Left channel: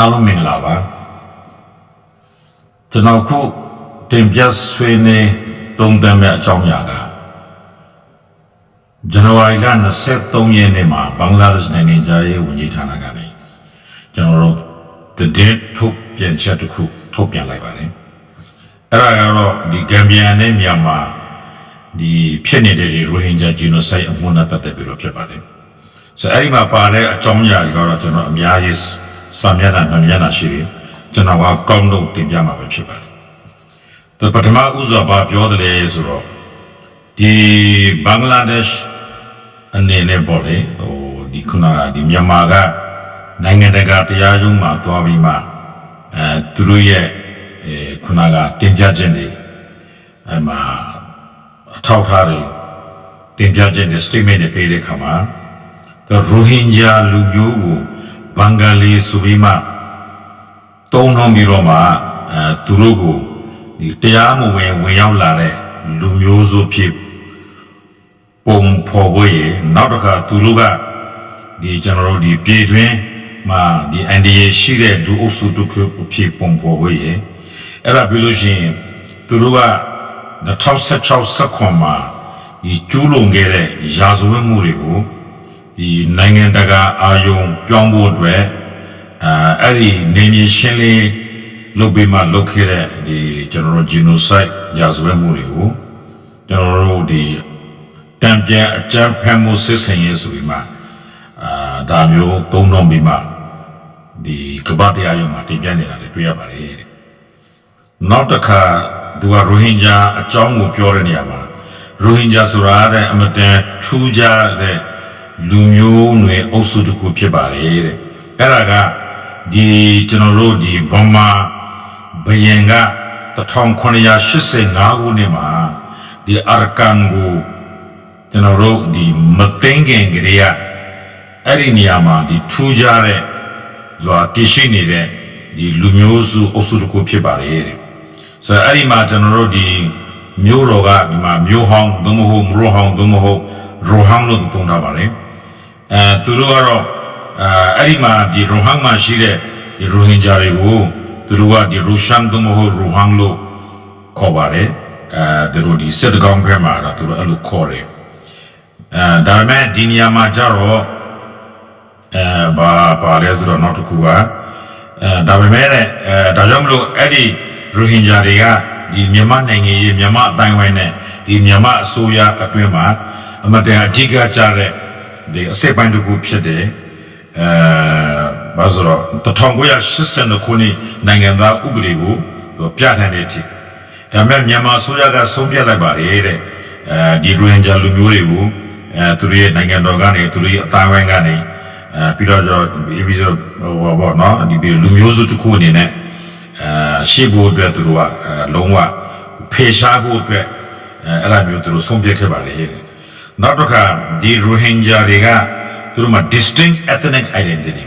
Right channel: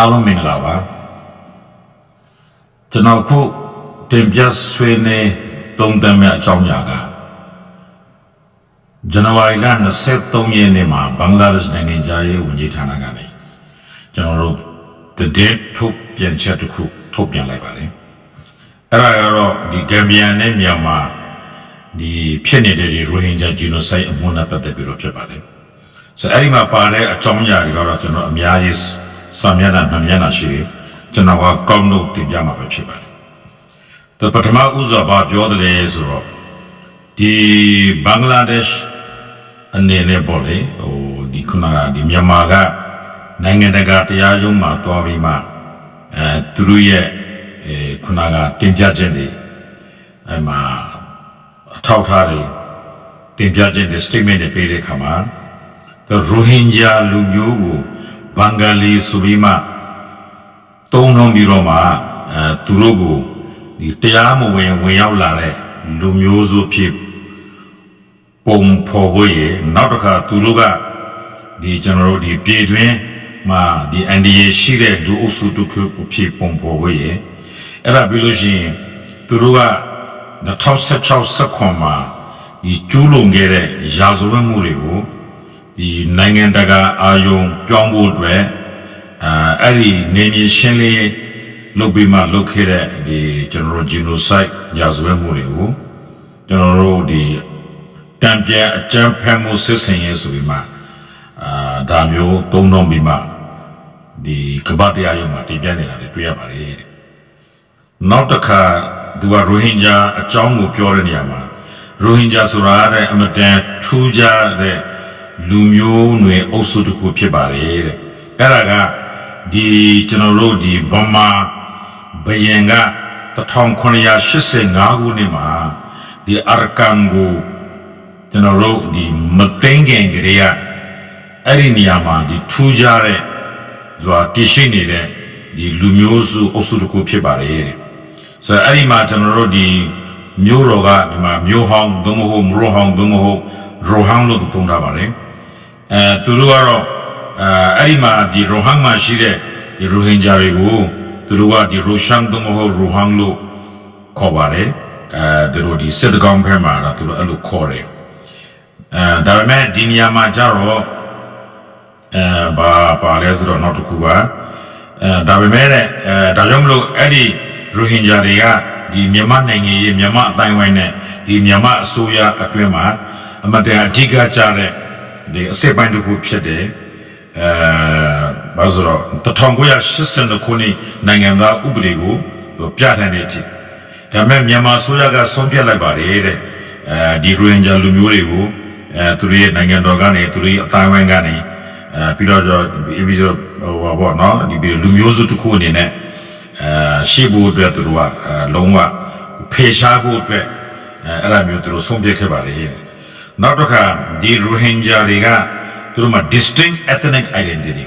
အားလုံးမင်္ဂလာပါကျွန်တော်ခုတင်ပြဆွေးနွေးသုံးသပ်မယ့်အကြောင်းအရာကဇန်နဝါရီလ23ရက်နေ့မှာဘင်္ဂလားဒေ့ရှ်နိုင်ငံသားရေးဝန်ကြီးဌာနကနေကျွန်တော်တို့တည်ထုတ်ပြန်ချက်တစ်ခုထုတ်ပြန်လိုက်ပါတယ်အဲ့ဒါကတော့ဒီဂမ်ဘီယာနဲ့မြန်မာဒီဖြစ်နေတဲ့ဒီရိုဟင်ဂျာဂျီနိုဆိုက်အမှုနဲ့ပတ်သက်ပြီးတော့ဖြစ်ပါတယ်ဆိုအဲ့ဒီမှာပါတဲ့အကြောင်းအရာတွေကတော့ကျွန်တော်အများကြီးစာမျက်နှာ2မျက်နှာရှိတယ်ကျွန်တော်ကကောင်းလို့တင်ပြမှာပဲဖြစ်ပါတယ်တပထမဦးစွာဘာပြောတယ်လဲဆိုတော့ဒီဘင်္ဂလားဒေ့ရှ်အနေနဲ့ပေါ့လေဒီခုနကဒီမြန်မာကနိုင်ငံတကာတရားရုံးမှာသွားပြီးမှသူတို့ရဲ့ခုနကတင်ပြချက်တွေအဲ့မှာအထောက်အထားတွေတင်ပြချက်တွေ statement တွေပေးတဲ့အခါမှာရိုဟင်ဂျာလူမျိုးကိုဘင်္ဂလီဆိုပြီးမှတုံးလုံးပြီးတော့မှသူတို့ကိုဒီတရားမဝင်ရောက်လာတဲ့လူမျိုးစုဖြစ်ပုံဖော်ဖို့ရနောက်တစ်ခါသူတို့ကဒီကျွန်တော်တို့ဒီပြည်တွင်းမှာဒီ NDA ရှိတဲ့လူအုပ်စုတစ်ခုဖြစ်ပုံဖော်ဖို့ရအဲ့ဒါပြီးလို့ရှိရင်သူတို့က2016-19မှာဒီကျူးလွန်ခဲ့တဲ့ရာဇဝတ်မှုတွေကိုဒီနိုင်ငံတကာအာယုံပြောင်းဖို့အတွက်အဲ့ဒီနေမြေရှင်းလင်းလုပ်ပြီးမှလုပ်ခဲ့တဲ့ဒီကျွန်တော်တို့ genocide ရာဇဝတ်မှုတွေကိုကျွန်တော်တို့ဒီတံပြန်အကြမ်းဖက်မှုစစ်ဆင်ရေးဆိုပြီးမှဒါမျိုးသုံးနှုန်းပြီးမှဒီကမ္ဘာတရားရုံးမှာတင်ပြနေတာတွေ့ရပါတယ်နောက်တစ်ခါသူကရိုဟင်ဂျာအကြောင်းကိုပြောတဲ့နေရာမှာရိုဟင်ဂျာဆိုတာတဲ့အမတန်ထူးခြားတဲ့လူမျိုးနွယ်အုပ်စုတစ်ခုဖြစ်ပါတယ်တဲ့အဲ့ဒါကဒီကျွန်တော်တို့ဒီဗမာဘယင်က1985ခုနှစ်မှာဒီအာရကန်ကိုကျွန်တော်တို့ဒီမသိငင်ကလေးကအဲ့ဒီနေရာမှာဒီထူးခြားတဲ့သူကတည်ရှိနေတဲ့ဒီလူမျိုးစုအုပ်စုတစ်ခုဖြစ်ပါတယ်တဲ့ဆိုတော့အဲ့ဒီမှာကျွန်တော်တို့ဒီမျိုးတော်ကဒီမှာမျိုးဟောင်းသို့မဟုတ်မရိုဟောင်းသို့မဟုတ်ရိုဟောင်းလို့သုံးထားပါတယ်သူတို့ကတော့အဲ့ဒီမှာဒီရိုဟန်မှာရှိတဲ့ဒီရိုဟင်ဂျာတွေကိုသူတို့ကဒီရိုရှန်သို့မဟုတ်ရိုဟန်လို့ခေါ်ပါတယ်သူတို့ဒီစစ်ကောင်ဘက်မှာတော့သူတို့အဲ့လိုခေါ်တယ်ဒါပေမဲ့ဒီနေရာမှာကျတော့ဘာလဲဆိုတော့နောက်တစ်ခုကဒါပေမဲ့ဒါကြောင့်မလို့အဲ့ဒီရိုဟင်ဂျာတွေကဒီမြန်မာနိုင်ငံရေးမြန်မာအတိုင်းဝိုင်းနဲ့ဒီမြန်မာအစိုးရအတွင်းမှာအမတန်အဓိကကျတဲ့ဒီအစစ်ပိုင်းတစ်ခုဖြစ်တယ်ဘာဆိုတော့1982ခုနှစ်နိုင်ငံသားဥပဒေကိုသူပြဋ္ဌာန်းတဲ့အထိဒါပေမဲ့မြန်မာအစိုးရကဆုံးဖြတ်လိုက်ပါတယ်တဲ့ဒီရိုဟင်ဂျာလူမျိုးတွေကိုသူတို့ရဲ့နိုင်ငံတော်ကနေသူတို့ရဲ့အတိုင်းဝိုင်းကနေပြီးတော့ဟိုဘောနော်ဒီလူမျိုးစုတစ်ခုအနေနဲ့ရှိဖို့အတွက်သူတို့ကလုံးဝဖေရှားဖို့အတွက်အဲ့လိုမျိုးသူတို့ဆုံးဖြတ်ခဲ့ပါလေနောက်တစ်ခါဒီရိုဟင်ဂျာတွေကသူတို့မှာ distinct ethnic identity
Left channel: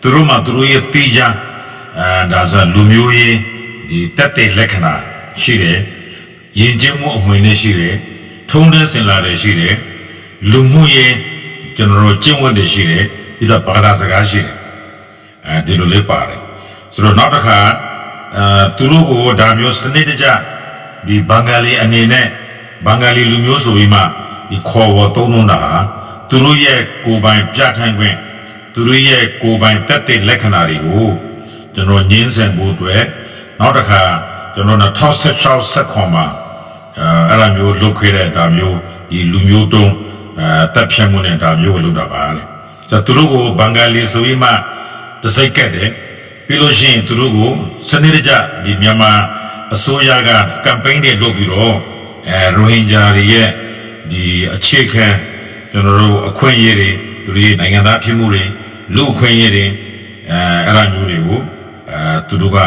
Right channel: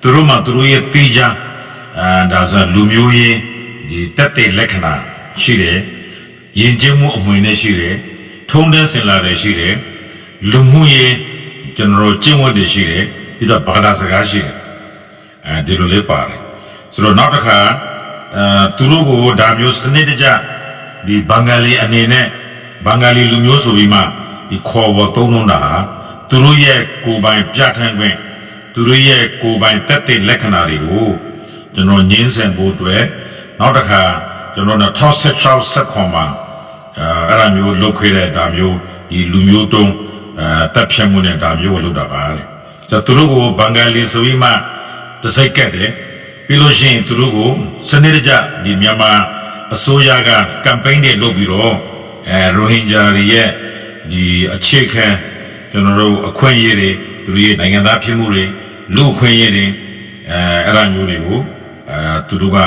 သူတို့မှာသူတို့ရဲ့တိကျဒါဆိုလူမျိုးရေးဒီတက်တဲ့လက္ခဏာရှိတယ်ယဉ်ကျေးမှုအမွေနဲ့ရှိတယ်ထုံးတမ်းစင်လာတယ်ရှိတယ်လူမှုရေးကျွန်တော်တို့ကျင့်ဝတ်တွေရှိတယ်ပြီးတော့ဘာသာစကားရှိတယ်ဒီလိုလေးပါတယ်ဆိုတော့နောက်တစ်ခါသူတို့ကိုဒါမျိုးစနစ်တကျဒီဘင်္ဂလီအနေနဲ့ဘင်္ဂလီလူမျိုးဆိုပြီးမှဒီခေါ်ဝေါ်သုံးတာဟာသူတို့ရဲ့ကိုယ်ပိုင်ပြဋ္ဌာန်းခွင့်သူတို့ရဲ့ကိုယ်ပိုင်တက်တဲ့လက္ခဏာတွေကိုကျွန်တော်ညှင်းဆန်ဖို့အတွက်နောက်တစ်ခါကျွန်တော်2016-19မှာအဲ့လိုမျိုးလုပ်ခဲ့တဲ့ဒါမျိုးဒီလူမျိုးတုံးတက်ဖြတ်မှုနဲ့ဒါမျိုးကိုလုပ်တာပါလေသူတို့ကိုဘင်္ဂလီဆိုပြီးမှတစိုက်ကတ်တယ်ပြီးလို့ရှိရင်သူတို့ကိုစနစ်တကျဒီမြန်မာအစိုးရကကမ်ပိန်းတွေလုပ်ပြီးတော့ရိုဟင်ဂျာတွေရဲ့ဒီအခြေခံကျွန်တော်တို့အခွင့်အရေးတွေသူတို့ရဲ့နိုင်ငံသားဖြစ်မှုတွေလူအခွင့်အရေးတွေအဲ့ဒါမျိုးတွေကိုသူတို့က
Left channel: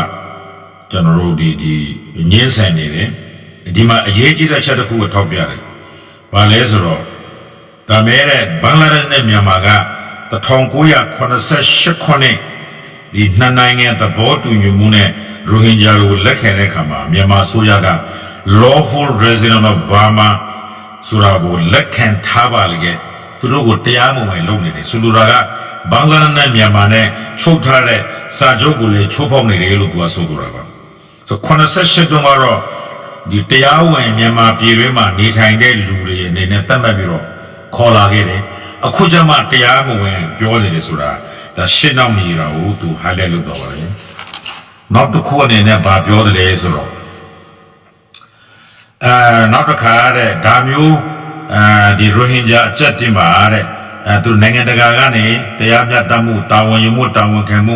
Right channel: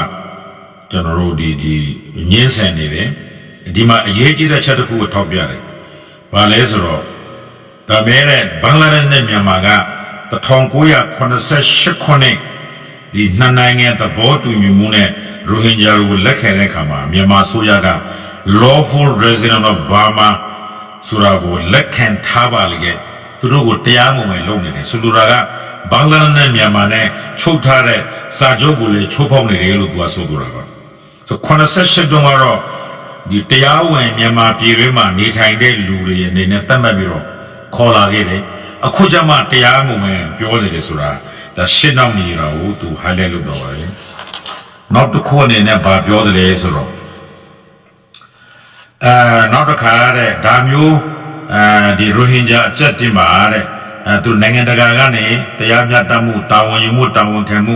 ကျွန်တော်တို့ဒီညှင်းဆန်နေတယ်ဒီမှာအရေးကြီးတဲ့ချက်တစ်ခုကိုထောက်ပြတယ်ဘာလဲဆိုတော့ဒါမဲ့တဲ့ဘင်္ဂလားဒေ့ရှ်နဲ့မြန်မာက1988ခုနှစ်ဒီနှစ်နိုင်ငံသဘောတူညီမှုနဲ့ရိုဟင်ဂျာတွေကိုလက်ခံတဲ့အခါမှာမြန်မာအစိုးရက lawful resident of Burma ဆိုတာကိုလက်ခံထားပါလေ သူတို့ကိုတရားမဝင်လုပ်နေတယ်ဆိုလိုတာကဘင်္ဂလားဒေ့ရှ်နဲ့မြန်မာနဲ့ချုပ်ထားတဲ့စာချုပ်ကိုလည်းချိုးဖောက်နေတယ်လို့သူကဆိုလိုတာပါဆို88တုန်းကတော့ဒီတရားဝင်မြန်မာပြည်တွင်းမှာနေထိုင်တဲ့လူတွေအနေနဲ့တတ်မှတ်ပြီးတော့ခေါ်လာခဲ့တယ်အခုကျမှတရားမဝင်ပြောနေတယ်ဆိုတာဒါရှင်းနောက်နေတာကိုသူ highlight လုပ်တော့ပါတယ်နောက်တစ်ခုအနေနဲ့ဗာပြောတယ်လေဆိုတော့နောက်တစ်ခါတဲ့ဒါမျိုးဒီရိုဟင်ဂျာအကြက်တင်ပါတဲ့သူနိုင်ငံတကာကနေတရားမျှတမှုတာဝန်ယူမှုတာဝန်ခံမှု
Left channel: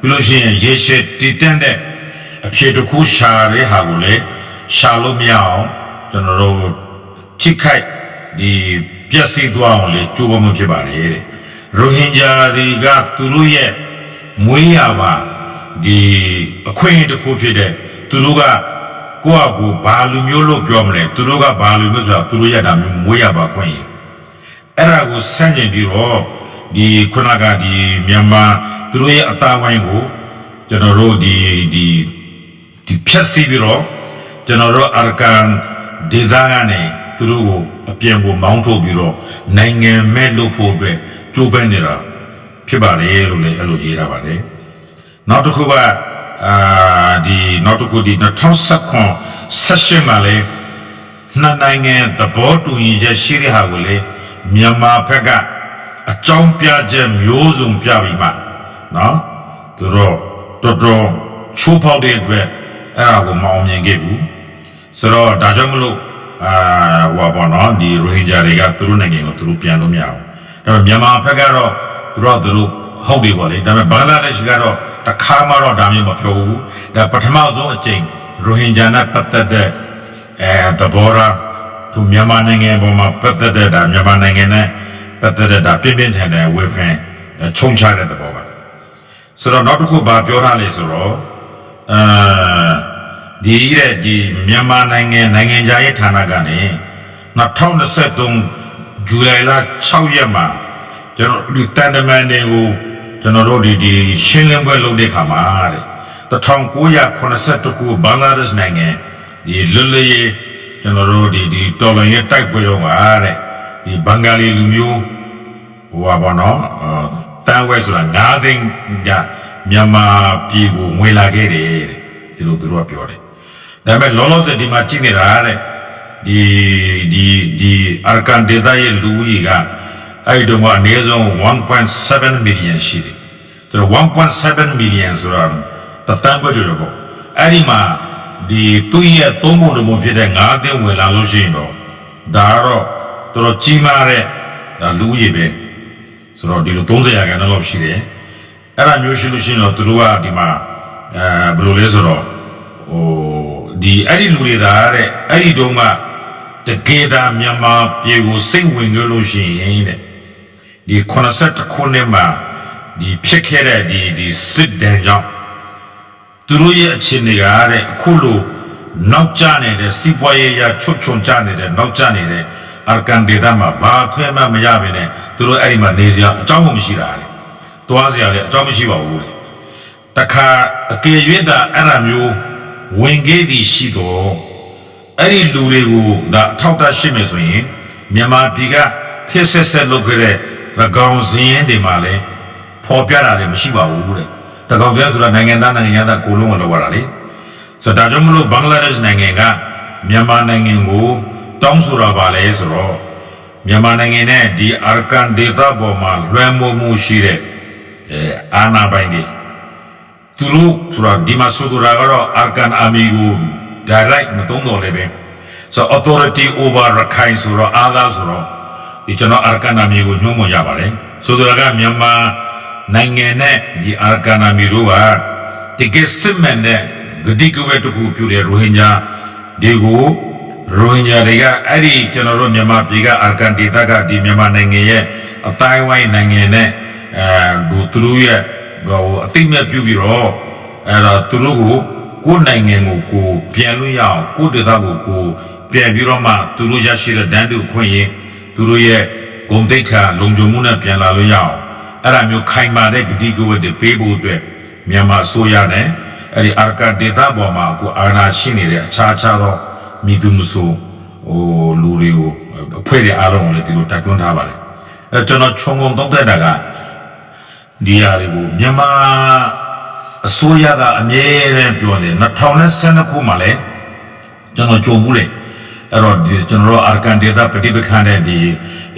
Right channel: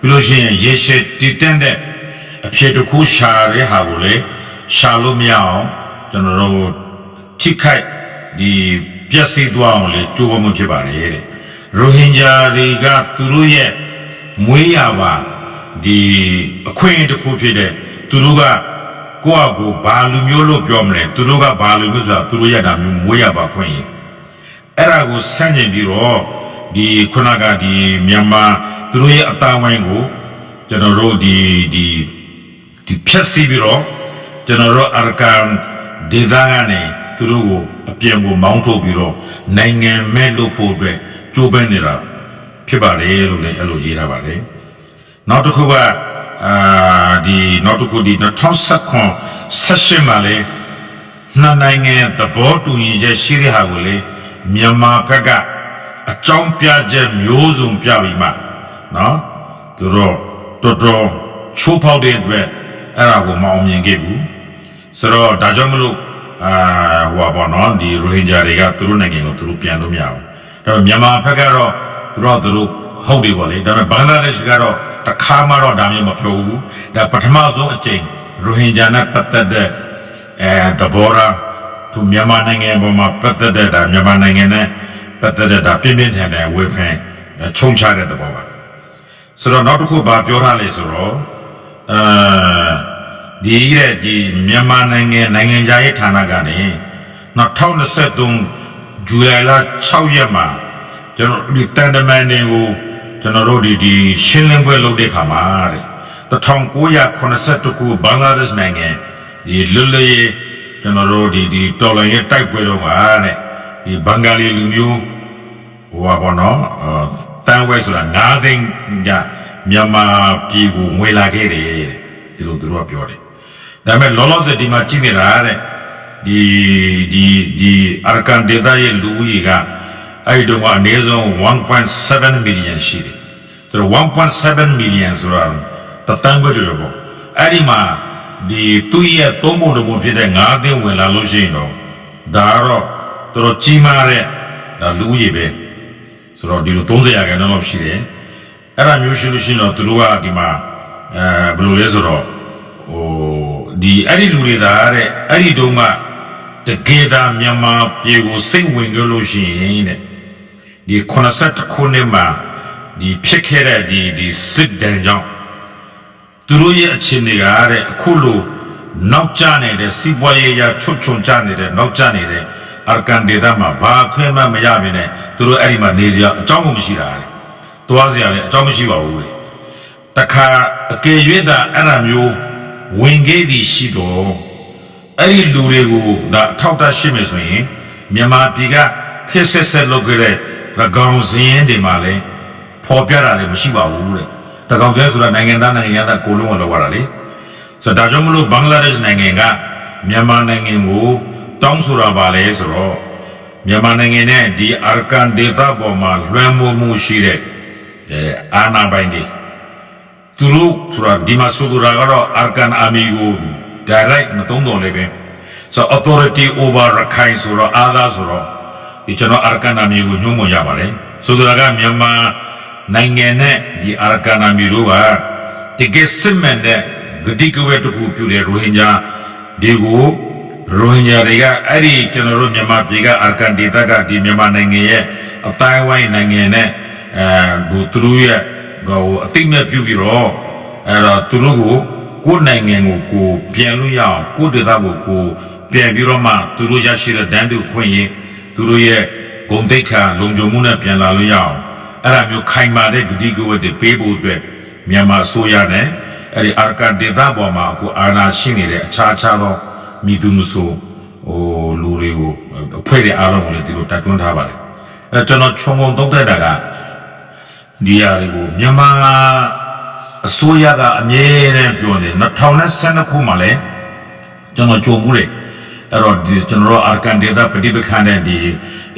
ပြီးလို့ရှိရင်ရေရှည်တည်တံ့တဲ့အဖြစ်တစ်ခုရှာတဲ့ဟာကိုလေရှာလို့မရအောင်ကျွန်တော်တို့ထိခိုက်ဒီပျက်စီးသွားအောင်လေကြိုးပမ်းမှုဖြစ်ပါတယ်တဲ့ရိုဟင်ဂျာတွေကသူတို့ရဲ့မွေးရပါဒီအခွင့်တစ်ခုဖြစ်တဲ့သူတို့ကကိုယ့်အကူဘာလူမျိုးလို့ပြောမလဲသူတို့ကဘာလူမျိုးဆိုတာသူတို့ရတာမျိုးမွေးရပါခွင့်ရအဲ့ဒါကိုဆန့်ကျင်ပြီးတော့ဒီခုနကဒီမြန်မာသူတို့ရဲ့အသားဝိုင်းကိုကျွန်တော်တို့ဒီဖြတ်စီးပြီးတော့ကျွန်တော်တို့အာရကန်ဒေသကနေသူတို့ကိုအပြင်ကိုမောင်းထုတ်ပြီးတော့နိုင်ငံမဲ့လို့ဖို့အတွက်ကြိုးပမ်းနေတာဖြစ်ပါတယ်လို့လည်းအဲ့လိုရေးထားပါတယ်နောက်တစ်ခုကဒီနောက်တစ်ခုဒီ2019မှာလေနှစ်နိုင်ငံသဘောတူညီချက်ရှိတဲ့ဟာကိုလေမြန်မာဘက်ကအကြောင်းပြချက်မျိုးစုံပြပြီးမှနော်သူတို့တော်တော်ချိုးဖောက်တဲ့အတွက်အဲ့ဒါကိုမအောင်မြင်ခဲ့ဘူးဆိုတော့ဒါကြောင့်မလို့ဟိုပါနော်ဒီရိုဟင်ဂျာတွေကသူတို့နိုင်ငံကိုသူတို့ပြန်လို့မရဘူးဒါပေမဲ့မြန်မာဘက်ကတော့သူတို့ဟုတ်တယ်ပေါ့လေဒါပေမဲ့ဘင်္ဂလားဒေ့ရှ်ကတော့တခါမှတော့ဒါမျိုးမပြောဘူးဒါပထမဆုံးအကြိမ်ရိုဟင်ဂျာနဲ့ပတ်သက်တဲ့သဘောထားသူမြန်မာနိုင်ငံပေါ်မှာပတ်သက်တဲ့ဒါမြန်မာနိုင်ငံနဲ့ပတ်သက်တဲ့ဒါပြင်းပြင်းထန်ထန်ဝေဖန်ချုံချတဲ့သဘောပါဆိုတော့နောက်တစ်ခုဘာပြောထားလဲဆိုတော့ဒီမြန်မာနိုင်ငံခြားရေးဌာနကနေ2023ဇူလိုင်လ6ရက်မှာကျွန်တော်ဒီတန်တမန်တွေကိုကျွန်တော်တို့ဒီရှင်းလင်းပွဲလုပ်တဲ့ခါမှာတဲ့1982ခုဘင်္ဂလားဒေ့ရှ်နိုင်ငံဒီလွတ်လပ်ရေးကျွန်တော်တို့ဒီတော်လှန်ရေးတိုက်ပွဲတော့ပါတဲ့ဒီဘင်္ဂလီလူမျိုးဟိုပါဘောနော်တန်ဝဲဆိုတာ9သိန်းကမြန်မာပြည်ကိုငွေလာခဲ့တယ်တဲ့ဒီလိုသူတို့ကပြောတယ်ဒါပေမဲ့လောလောဆယ်ဒီမှာကြည့်နေတာတဲ့ဒီအာရကန်ဒေသရဲ့လူဦးရေကအဲ့တုန်းကအနည်းဆုံး 1.7 million ရှိတယ်ဆိုတော့ 1.7 million ဆိုတာတသန်းခွဲကျော်ပေါ့အဲ့ဒီမှာဒီသူ့ရဲ့သုံးပုံတစ်ပုံဖြစ်တဲ့9သိန်းဝင်လာလို့ရှိရင်တော့ဒါကတော့တော်တော်ကြီးမားတဲ့ဒါလူဦးရေပဲဆိုတော့ဒီလို30ရာခိုင်နှုန်းလောက်ရှိတယ်အဲ့ဒါမျိုးရှိလို့ရှိရင်တော့သူတို့ကဒီမှာဘယ်လိုလဲဆိုတော့ဟိုဒီအဲ့ဒီလူတွေဒါတဲ့အဲ့ဒီတုန်းကတကယ်သာမြန်မာပြည်ကိုစိတ်ဝင်ကြလို့ရှိရင်တဲ့ဒီ82ခုနှစ်မှာဒီဖြစ်ခဲ့တဲ့ဒီစစ်တမ်းကြောင့်သူတို့ရဲ့အခြေအနေကတဲ့အခုလိုနောက်ကျနေတဲ့စီးပွားရေးရချွတ်ချုံကျနေတဲ့နောက်ကျနေတဲ့အာရကန်ဒေသမှာဘာခွင့်မှမရဘဲနဲ့သူတို့အဲ့ဒီမှာနေစရာအကြောင်းမရှိတာလေသွားစရာလည်းအကြောင်းမရှိပါဘူးလေတခါအကယ်၍သာအဲ့ဒါမျိုးဝင်ခဲ့သည်ရှိတော့အဲ့ဒီလူတွေကိုဒါအထောက်အထားရှိမယ်ဆိုရင်မြန်မာပြည်ကခက်ဆက်ဆက်လုပ်ခဲ့တဲ့သကောင်စင်းတွေမှာလည်းပေါ်ပြတာလည်းမရှိပါဘူးတဲ့သကောင်စင်းဆိုတာနိုင်ငံသားကိုလုံးဝလောက်ရတာလေဆိုတော့ဒါကြောင့်မလို့ဘင်္ဂလားဒေ့ရှ်နိုင်ငံကမြန်မာနိုင်ငံကိုတောင်းဆိုတာပါလေဆိုတော့မြန်မာနိုင်ငံနဲ့ဒီအာရကန်ဒေသပေါ်မှာလွှမ်းမိုးမှုရှိတဲ့အာဏာပိုင်တွေသူတို့ဆိုတာဒီမှာဆိုတော့ကတော့အာရကန်အာမီကို direct မတုံးတော်လည်းပဲဆိုတော့ authority over Rakhine ဆိုတော့အာသာဆိုတော့ဒီကျွန်တော်အာရကန်အာမီကိုညှို့မရပါတယ်ဆိုတော့ကမြန်မာနိုင်ငံနဲ့ဒီအာရကန်အာမီတို့ကတကယ်စစ်မှန်တဲ့ဂတိကဝတ်တစ်ခုပြုတဲ့ရိုဟင်ဂျာတွေကိုရိုဟင်ဂျာတွေကအဲ့ဒီကျွန်တော်တို့မြန်မာပြည်ကအာရကန်ဒေသကဒီမြန်မာနိုင်ငံရဲ့အတိုင်းဝိုင်းနိုင်ငံနဲ့သူတို့ရဲ့ဟိုအသိမဲ့ပြုပြီးတော့အဲ့တော့သူတို့ကိုနိုင်ငံကိုပြန်လို့ရအောင်ကိုဒေသကိုပြန်ပြီးတော့မှသူတို့ရရှိတဲ့ဒန်းတူခွင့်ရင်သူတို့ရဲ့ဂုဏ်သိက္ခာလုံခြုံမှုနဲ့ပြန်လာလို့ရအောင်အဲ့ဒါမျိုးခိုင်မာတဲ့ဂတိကဝတ်တွေပေးဖို့အတွက်မြန်မာအစိုးရနဲ့အဲ့ဒီအာရကန်ဒေသပေါ်မှာကိုအာဏာရှိနေတဲ့အခြားသောမိသူမဆိုဟိုလူတွေကိုအဖွဲ့တွေအားလုံးကိုလည်းဒီလိုတိုက်တွန်းထားပါတယ် ကျွန်တော်ခြုံငုံသုံးသက်တာကဒီဟာတွေကိုမြန်မာအစိုးရကအမြဲတမ်းပြောတယ်2012ခုမှလည်းကျွန်တော်ကြိုဘူးတယ်အဲ့တော့ဒီကျွန်တော်တို့အာကန်ဒေတာပဋိပက္ခနဲ့ဒီ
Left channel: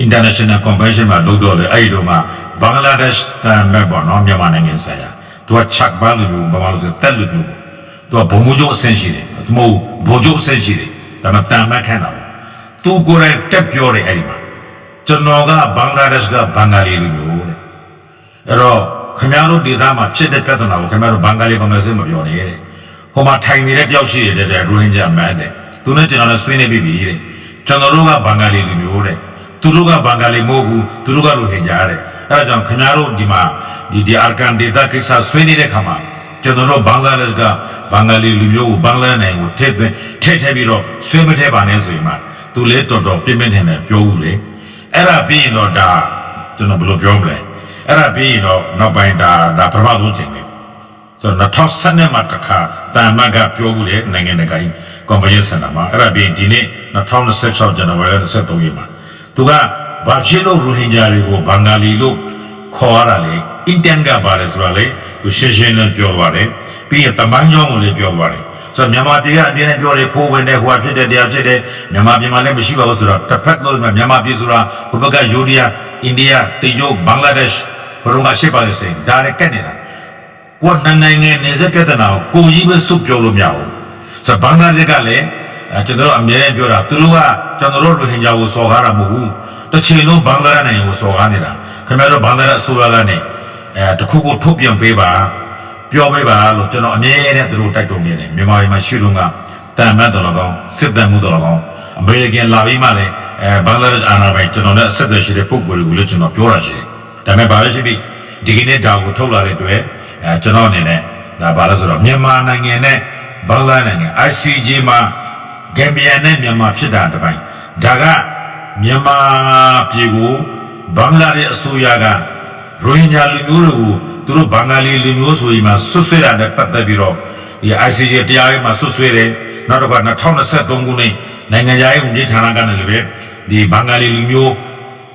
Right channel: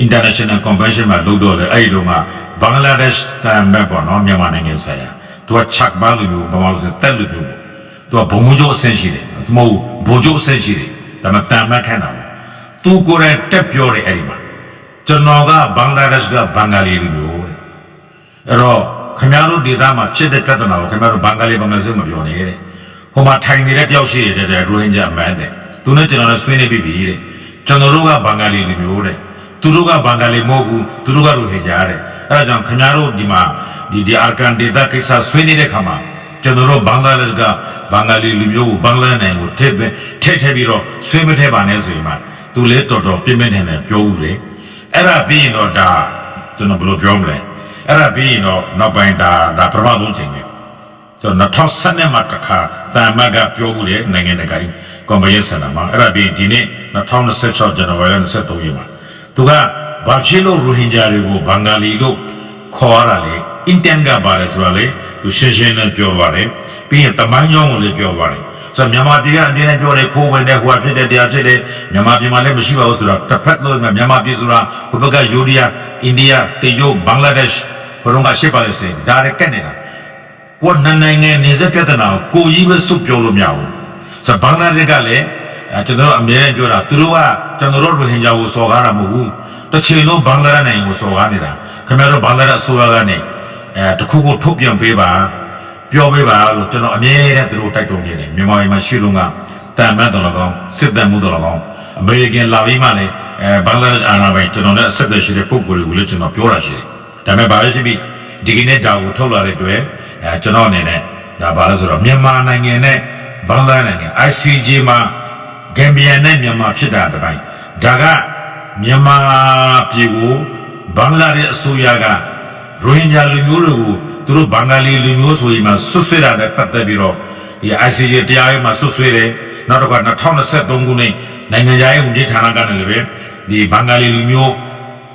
international convention မှာလုပ်တော့လေအဲ့ဒီတော့မှဘင်္ဂလားဒေ့ရှ်တန်မဲ့ပေါ့နော်မြန်မာနိုင်ငံဆိုင်ရာသူကချက်ဘာလို့ဘာလို့ဆိုတက်လို့ပြောသူကဘုံမှုကျိုးအဆင့်ရှိတယ်သူမဟုတ်ဘိုးကျိုးအဆင့်ရှိတယ်ဒါမှတန်မဲ့ခံတာပေါ့သူကိုယ်တိုင်တက်ပြောတယ်အဲ့ဒီမှာကျွန်တော်ကဘင်္ဂလားဒေ့ရှ်ကဘင်္ဂါလီလူမျိုးတဲ့အဲ့တော့ခင်ဗျားတို့ဒေသမှာဖြစ်တဲ့ပြဿနာကိုခင်ဗျားတို့ဘင်္ဂါလီမပြောနဲ့တဲ့ဟိုမှာထိုင်နေတဲ့တယောက်ရှိတယ်တဲ့ရိုဟင်ဂျာမန်တဲ့သူနဲ့ကျွန်တော်နဲ့ဆွေးနွေးပြီးပြီတဲ့ကျွန်တော်တို့ကဘင်္ဂါလီလူမျိုးတဲ့သူတို့ကဘင်္ဂါလီမဟုတ်ဘူးသူတို့ကရိုဟင်ဂျာတဲ့အဲ့ဒါကြောင့်ခင်ဗျားတို့ဒီမှာဒီအာကန်ဒေတာကိစ္စဆွေးနေတဲ့ခါမှာကျွန်တော်တို့ဘင်္ဂလားဒေ့ရှ်ကဘင်္ဂါလီလူမျိုးကိုဘင်္ဂလားနိုင်ငံကိုထည့်ပြီးတော့ဆွေးမထည့်ပါနဲ့ဆိုရင်မှသူလည်းတော်တော်ပြင်းပြင်းထန်ထန်ပြောဦးလေအဲ့ဒါပြီးရင်တော့ဒါကျွန်တော်ဘယ်လိုပြောမလဲအဲ့ဒါပြီးရင်တော့နောက်ပိုင်းဒါပထမဆုံးချိန်ပဲဆိုတော့2012မှာတစ်ခါတန်မတ်ကပြောဦးတယ်နိုင်ငံတကာကြီးကွန်ဗင်းစင်တာမှာအဲ့ဒါပြီးဒီနေ့2026ဇန်နဝါရီလ23ရက်မှာသူကဘာဖြစ်လို့ရိုဟင်ဂျာတွေကိုဘင်္ဂါလီလို့ခေါ်ရတာလဲအင်တန်ကပါလဲဆိုတာလေသူရှင်းရှင်းလင်းပြောသွားတယ်ပြီးရင်တမိုင်းကြောင်းကိုလည်းပြောသွားတယ်ဆိုတော့မြန်မာပြည်ကအပြင်းနဲ့ပြောတယ်ခိုးဝင်တဲ့ဟိုဟာဖြစ်တဲ့တရားဖြစ်တဲ့မြန်မာပြည်မှာလည်းမရှိပါဘူးဆိုတော့တစ်ဖက်လို့မြန်မာပြည်ဆိုတာဟိုဘက်ကယူရီးယားအိန္ဒိယတရုတ်ဘင်္ဂလားဒေ့ရှ်ဘုံကရှစ်ပါလေစင်ဒါလည်းကတ်နေတာကိုယ်နိုင်ငံနေစပြဿနာကိုကြီးပဲစုပ်ပြောလို့မရဘူးဆိုတော့ဘင်္ဂလားဒေ့ရှ်ကလည်းကျွန်တော်အမြဲတမ်းပြောတာသူတို့ကကျွန်တော်တို့ရိုဟင်ဂျာကိုစော်ကားတာမဟုတ်ဘူးတစ်ချိန်လုံးဘင်္ဂလားနိုင်ငံကိုစော်ကားနေတာခင်ဗျားတို့ဘင်္ဂလားအစိုးရကနေတခုခုထုတ်ပြန်ပေးပါပြောပေးပါလို့ကျွန်တော်အမြဲတမ်းသူတို့တိုက်တွန်းနေတယ်မြန်မာပြည်မှာရှိလုံးကတန်မတ်တော်၎င်းစစ်တမ်းမှုတော်၎င်းအမေရိကန်လာပြီးမှလည်းဘင်္ဂလားဒေ့ရှ်အာဏာပိုင်ကျွန်တော်နဲ့အဆက်အသွယ်ရှိတဲ့ပုံကိုယ်တွေကိုလည်းကျွန်တော်ပြောတာရှိတယ်ဒါပေမဲ့ဘာပဲဖြစ်ဖြစ်ဒီကနေ့ဒါကိုထုတ်လာတဲ့အတွက်ကျွန်တော်အနေနဲ့ဒါဘာလဲဆိုတော့မြန်မာနိုင်ငံနဲ့ဘင်္ဂလားနိုင်ငံ ICJ မှာဂမ်ဘီယာနဲ့မြန်မာဖြစ်တာတပိုင်းဒါကမြန်မာပြည်ကိုဘင်္ဂလားဒေ့ရှ်အစိုးရကရိုဟင်ဂျာလူမျိုးတွေကိုသူတို့ဘင်္ဂါလီလူမျိုးဆိုရင်မှဆွဆွဲတာနဲ့ပတ်သက်ပြီးတော့ဒီ ICJ တရားရေးမှာဆွဆွဲတယ်နောက်တော့2023ခုနှစ်နိုင်ငံခြားရေးဝန်ကြီးဌာနကနေလည်းပဲဒီဘင်္ဂါလီလူမျိုး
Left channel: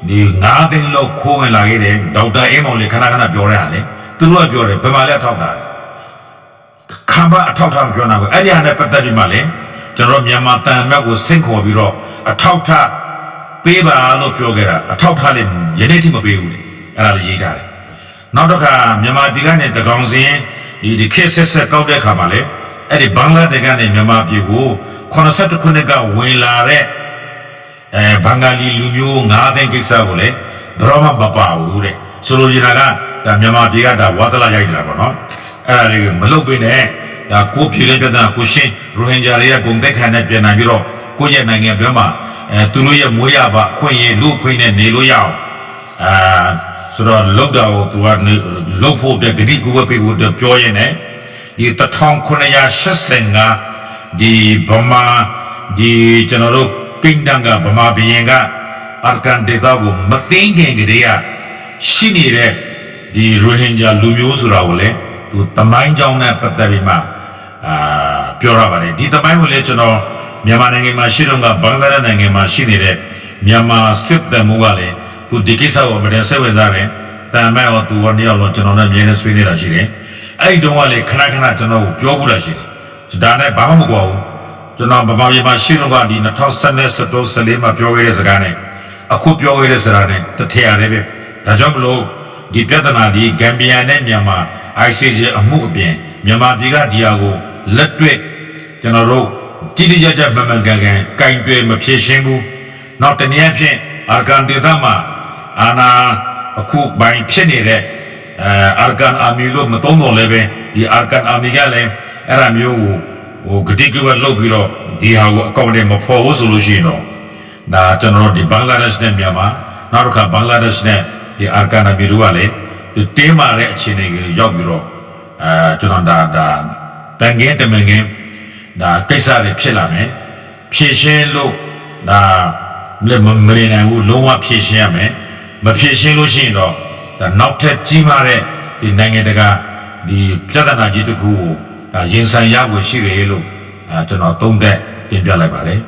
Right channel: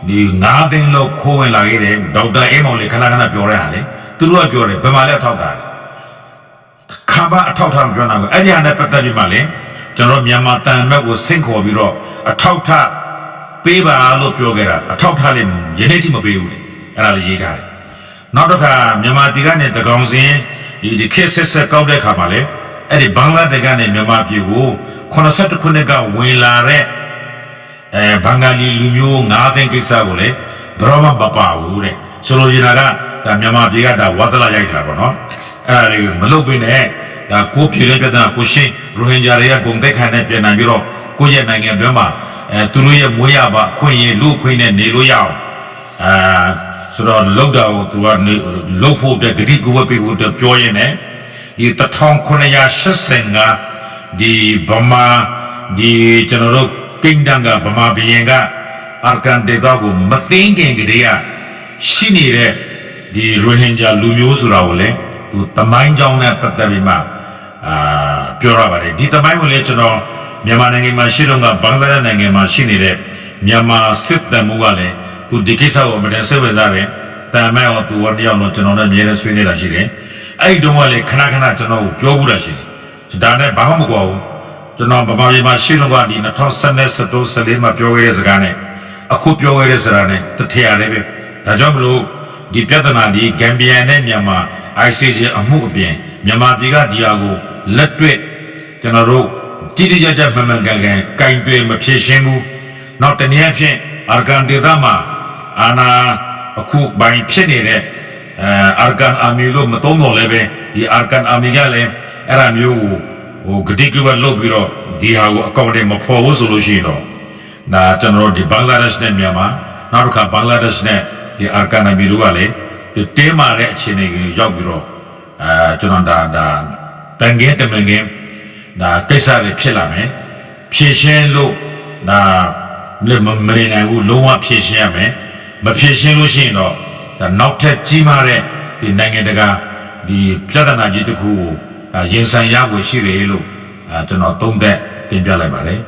ဒီ9သိန်းလောက်ခိုးဝင်လာခဲ့တယ်ဒေါက်တာအေးမောင်လေးခဏပြောတဲ့ဟာလေသူတို့ကပြောတယ်ဘယ်မှာလဲအထောက်တာခံပါအထောက်ထားပြောတာကိုအဲ့ဒီဟာနဲ့ပတ်သက်ပြီးမှလည်းကျွန်တော်မြန်မာတန်မက်ကိုဆင့်ခေါ်ပြီးတော့အထောက်ထားပေးပါလို့ပြောခဲ့တာအထောက်ထားလည်းယနေ့ထိမပေးဘူးလေအဲ့ဒါလေးရေးထားတယ်နောက်တစ်ခါမြန်မာပြည်ကနေတကောင်စင်းဒီခေတ်ဆက်ကောက်တဲ့ခါမှာလေအဲ့ဒီဘင်္ဂလားဒေ့ရှ်ကနေမြန်မာပြည်ကို82ခုနှစ်ကဝင်လာတဲ့ဘင်္ဂါလီလူမျိုး9သိန်းကိစ္စကိုလေဘယ်တော့မှမပါဘူးတဲ့ဆိုလိုချင်တာကဒါမြန်မာပြည်ကဒါဝါသလာရိုက်နေတာပေါ့နော်အဲ့ဒါတွေမလုပ်ပေးနဲ့ဒါကိုပြည်တဲ့ပြဿနာကိုရှင်းရိုဟင်ဂျာတွေကဂုံတက်ခံနဲ့ပြန်နိုင်ပြီးတော့ကိုယ့်ရဲ့နိုင်ငံတွင်းမှာသူတို့ရဲ့မွေးရပါခွင့်ရလူခွင့်နဲ့နေလို့ရအောင်ဆိုတော့လောက်တာကိုသူကလှုပ်ဖို့တဲ့ဂတိကူဝပေးဖို့ပြောရင်းနဲ့ဒီ1985ဒီဗမာဒီကျွန်တော်တို့ကိန်းတန်ကဗမာဘီရင်ကအာကန်ဒေတာကိုမသိငင်ကလေးကရှိနေတဲ့ဒီရိုဟင်ဂျာလူမျိုးဆိုတာကိုလည်းသူတမိုင်းကြောင်းနဲ့ပတ်သက်ပြီးမှပြောရပါတယ်ဒီတမိုင်းကိုလည်းကျွန်တော်မြန်မာနိုင်ငံမှာရှိတော့ကဘင်္ဂလားဒေ့ရှ်နိုင်ငံမှာရှိနေတဲ့မြန်မာစစ်တပ်မှုကလည်းသူဒီကိစ္စကိုမတင်ဆက်ဝင်စားတယ်တန်မဲ့တော့သူကနှစ်ယောက်လုံးကျွန်တော်နဲ့အမြဲတမ်းဆွေးနေတာရှိတယ်အဲ့ဒီတုန်းကလည်းခဏကျွန်တော်ကိုပြောဘူးလားရှိတယ်ဒါနဲ့ဘာမှမကွာဘူးကျွန်တော်ဗမာပြည်မှာရှိတော့ကဒီ2014မှာပြောခဲ့တဲ့စကားနဲ့အခုပြောခဲ့တဲ့စကားနဲ့တထရတယ်ပဲဒါကြောင့်မလို့ဒီပြဿနာဒီဂမ်ဘီယာနဲ့မြန်မာ ICJ အမှုအပြင်မြန်မာပြည်ကဒီဟာကိုလက်တွေ့ကျွန်တော်တို့တိတိကျကျမှန်ကန်ကင်တွယ်မဖြေရှင်းဘူးနောက်တနည်းအားဖြင့်အာကန်ဒေသမှာအာနာအခုဘိုင်ဖြစ်နေတဲ့အာကန်အာမီလို့မသုံးတော့လည်းပဲဒီအာကန်အာမီကလည်းအဲ့ဒါမျိုးကိုဂတိကဝတ်လုပ်ပြီးတော့ဒီဟာကိုအကောင့်တွေမဖော်ဘူးဆိုလို့ရှိရင်တော့ဒါကျွန်တော်တို့ဒီဘင်္ဂလားဒေ့ရှ်နဲ့မြန်မာနောက်တစ်ခါဘင်္ဂလားဒေ့ရှ်နဲ့ဒီအာကန်အာမီတို့ကလည်းဒီတင်းမာတဲ့အခြေအနေကိုရောက်ပြီးတော့ကျွန်တော်ဒါတန်ငယ်တမန်ငယ်ဒါကိစ္စတွေဖြစ်လာမယ်ဖြည့်ရှင်းလို့ဒါမနေနိုင်ဘူးလုံးဝဖြည့်ရှင်းရမယ်မဖြည့်ရှင်းလို့ရှိရင်တော့ဒါနောက်ထပ်ကြီးမားတဲ့ဒီနိုင်ငံတကာဒီပြဿနာကြီးတစ်ခုကိုဒါရင်ဆိုင်ရဖို့ရှိတယ်လို့ကျွန်တော်သုံးသပ်တင်ပြလိုက်ပါတယ်